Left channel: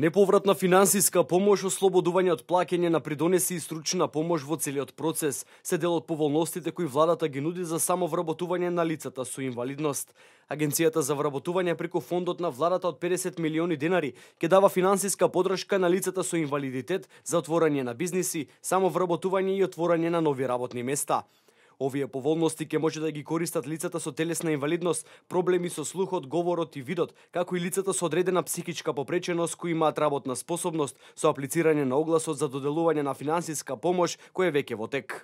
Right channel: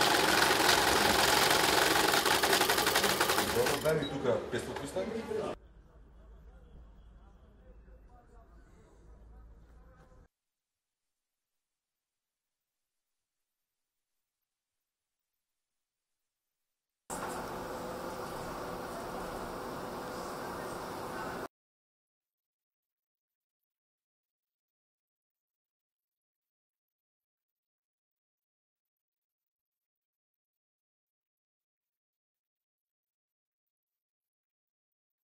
Неповратна финансиска помош, ослободување од плаќање на придонеси и стручна помош во целиот процес се дел од поволностите кои владата ги нуди за самовработување на лицата со инвалидност. Агенцијата за вработување преку фондот на владата од 50 милиони денари ќе дава финансиска подршка на лицата со инвалидитет за отворање на бизниси, самовработување и отворање на нови работни места. Овие поволности ќе може да ги користат лицата со телесна инвалидност, проблеми со слухот, говорот и видот, како и лицата со одредена психичка попреченост кои имаат работна способност, со аплицирање на огласот за доделување на финансиска помош кој е веќе во тек.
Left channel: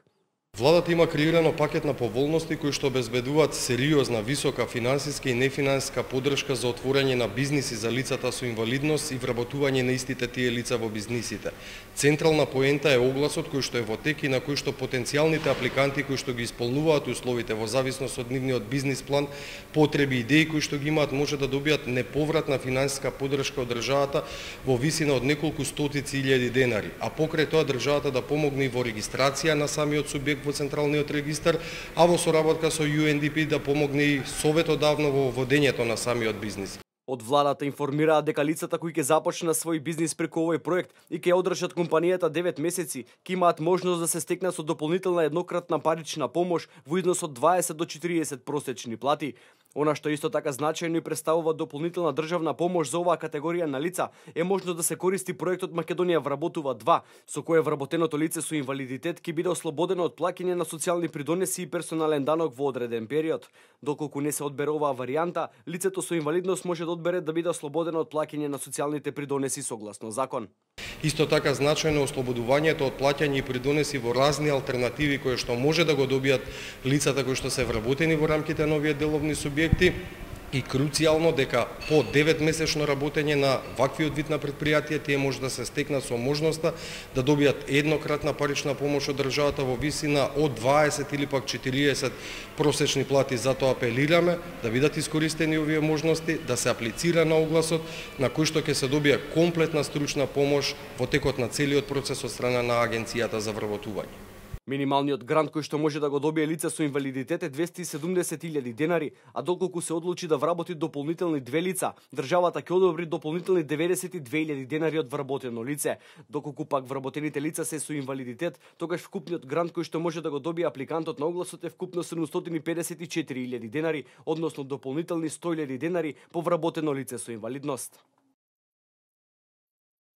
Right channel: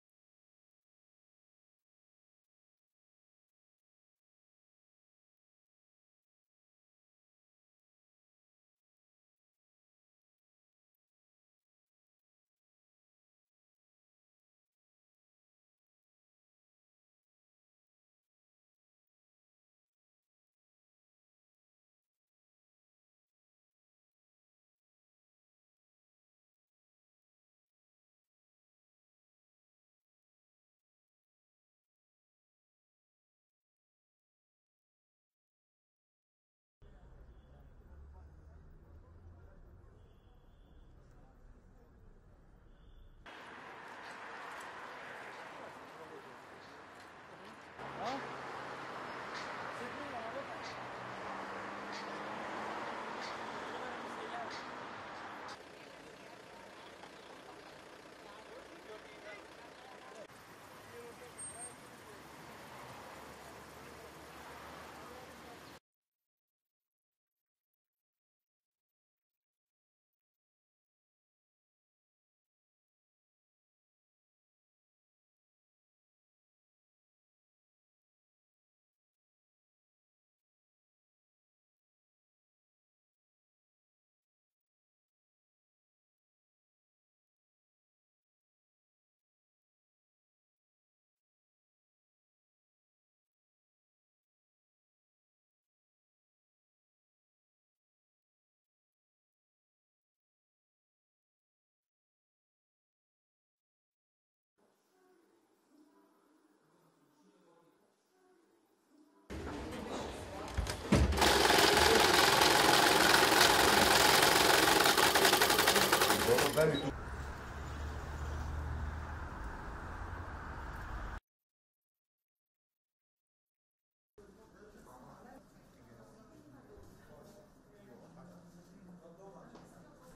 Владата има креирано пакет на поволности кои што обезбедуваат сериозна, висока финансиска и нефинансиска подршка за отворање на бизниси за лицата со инвалидност и вработување на истите тие лица во бизнисите. Централна поента е огласот кој што е во тек и на кој што потенцијалните апликанти кои што ги исполнуваат условите во зависност од нивниот бизнис план, потреби и идеи кои што ги имаат може да добијат неповратна финансиска подршка од државата во висина од неколку стотици илјади денари, а покрај тоа државата да помогне и во регистрација на самиот субјект во Централниот регистар, а во соработка со UNDP да помогне и советодавно во водењето на самиот бизнис. Од владата информираат дека лицата кои ќе започнат свој бизнис преку овој проект и ќе одржат компанијата 9 месеци, ќе имаат можност да се стекнат со дополнителна еднократна парична помош во износ од 20 до 40 просечни плати. Она што исто така значајно и представува дополнителна државна помош за оваа категорија на лица е можно да се користи проектот Македонија вработува 2, со кој вработеното лице со инвалидитет ќе биде ослободено од плаќање на социјални придонеси и персонален данок во одреден период. Доколку не се одбере оваа варијанта, лицето со инвалидност може да одбере да биде ослободено од плаќање на социјалните придонеси согласно закон. Исто така значајно ослободувањето од плаќање и придонеси во разни алтернативи кои што може да го добијат лицата кои што се вработени во рамките на овие деловни субјекти. И круцијално дека по 9-месечно работење на ваквиот вид на предпријатие тие може да се стекнат со можноста да добијат еднократна парична помош од државата во висина од 20 или пак 40 просечни плати. Затоа апелираме да бидат искористени овие можности, да се аплицира на огласот на кој што ќе се добие комплетна стручна помош во текот на целиот процес од страна на Агенцијата за вработување. Минималниот грант кој што може да го добие лице со инвалидитет е 270.000 денари, а доколку се одлучи да вработи дополнително 2 лица, државата ќе одобри дополнително 92.000 денари од вработено лице. Доколку пак вработените лица се со инвалидитет, тогаш вкупниот грант кој што може да го добие апликантот на огласот е вкупно 754.000 денари, односно дополнителни 100.000 денари по вработено лице со инвалидност.